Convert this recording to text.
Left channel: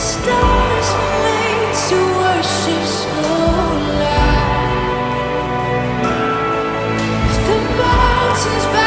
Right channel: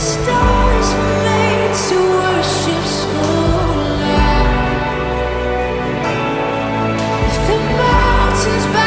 Stars were made to worship so loud. If the mountains